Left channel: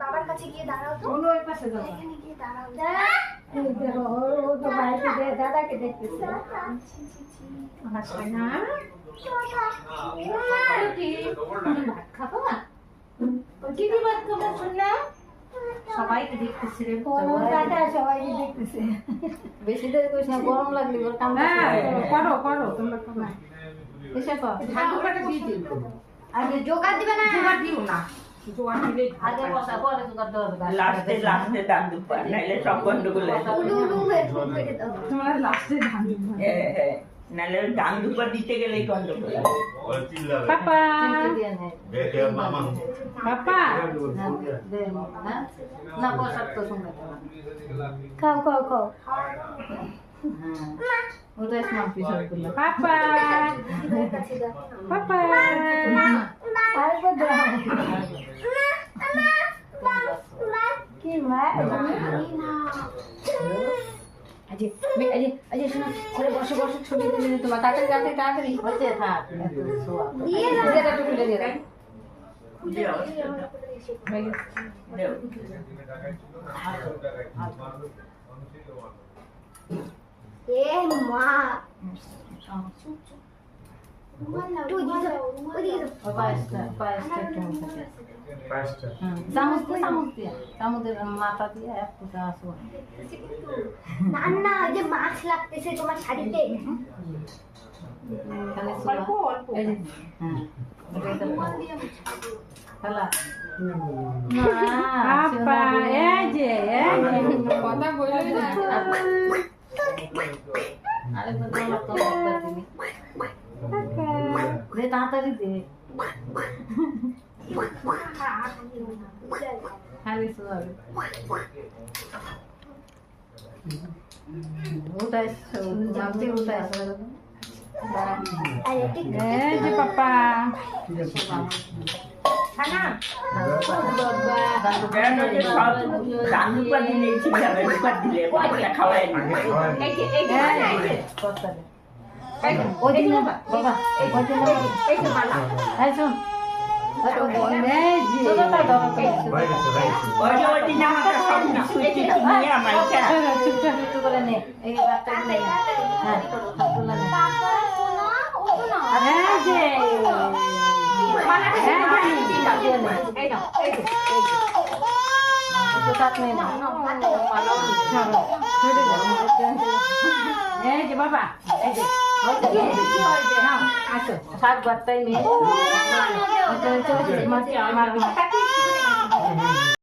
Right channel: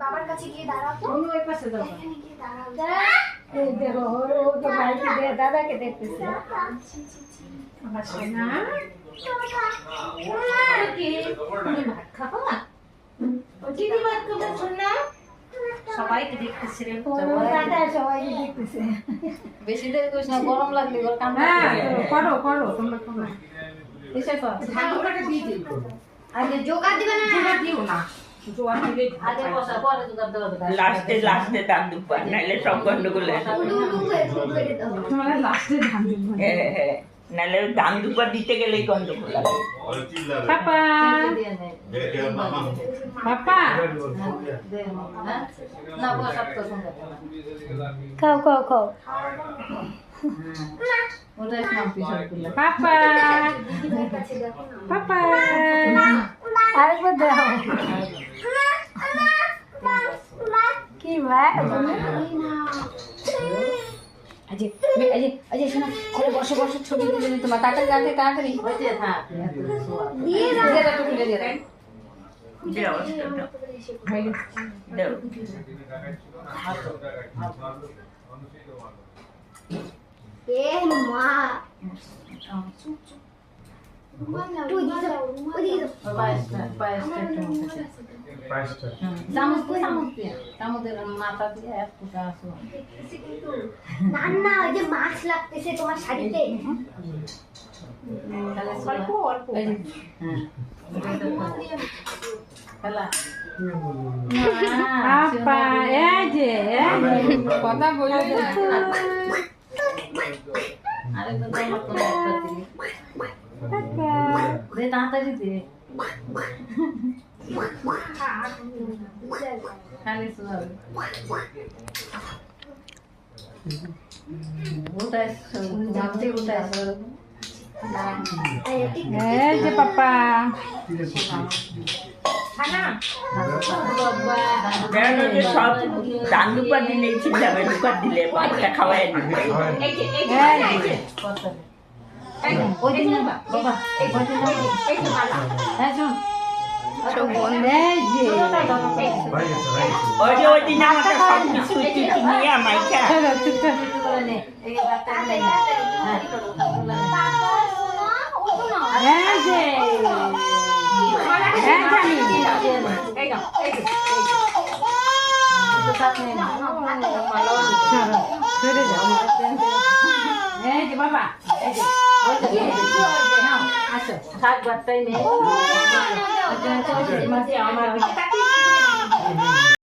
বাবার কাছে গিয়ে দাঁড়াও তো। অন্য ওই পাশে যাও। এখানে গিয়ে দাঁড়াও। এই দেখো ও তো বাইরে দিয়ে দাদাকে দেখতেছে। আমার সোনা কি তুমি ভাত খাবো না? ও দিদি ভাত খাবো সোনা? সবাইকে দেখতেছে রে টাটা সবাইকে দেখতেছে। বেশি দেরি করিস না, গরম লাগলে এবার কামড়া। হ্যাঁ করো করো তোমরা করো না। এসে কর। ভালো করে দিয়ে দিই। আরে জোগাড় দিবে না। জোগাড় দিও না। জোগাড় দিলে আগে বসা, পরে জোগাড় দেওয়া যাবে। লাস্টে দাম দুপা নাইলে সব গন্ডগোল হয়ে যাবে। উলু উলু হয়ে করে দাও। তোমরা লাস্টে ধান দিও। হ্যাঁ নাইলে দাম দুপা দিতে গেলেই গন্ডগোল হবে। পাপা দিয়ে নেই। পাপা দে না। না বসা তো সুন্দর। খাও খাও খাও ওটাই নাম পিছন করলে। পাপা দিদিভাইয়ের কাছে দেখো না। পাপা আরেকবার দাও কি ভাই এই না। আজি আজি শোনো, ছেলে বসে বসে ছবি তুলে দিতে তোমার তাড়াতাড়ি তাড়াতাড়ি বসে থাক। দিয়ে দাও। দিয়ে দাও, তুলে দিয়ে দাও। খুঁজে দিয়ে আমরা কোথায় এসে হয়ে গেছে দেও। এ মা রুমাল নাও, রুমাল দাও, রুমাল দাও। পায়েসটা একটু মুখে দে। চামচ দিয়ে চামচের মাথা দিয়ে এক ফুটা আসো। দেখতেছি কিন্তু। না না ওই যে মাছ লাগতেছে তোমার শাড়িতে। তাহলে অল্প অল্প এই যে, হ্যাঁ ওটাই তো রুমাল দিয়ে আমি খাবো। খেলা। পাপা এই যে কথা বলে আরেকবার জমা করে একটা দিবি। দে তাড়াতাড়ি দে। খালি শুয়াবে। উঠাই ঝাপতে উঠাই এই যে পাপা খানা সব দাম দুপা দিলেই ঠিক যাবে, দুপা দিলে পয়সা খাওয়াই না। এই যে ওই দিন বাবা এই যে বালা এই শোন এই যে ওই দিন আমাকে সব কিছু নিয়ে আমাকে চুপচাপ একটু করে নে। এই রাতে নেই। বাবা শোনো, ওঠো না। এই যে এই নাও এই যে তো সাথ নেই না। সরে যাও এই যে বাবা এই যে নাও আসো শাক বাত্তাই নেই। আমার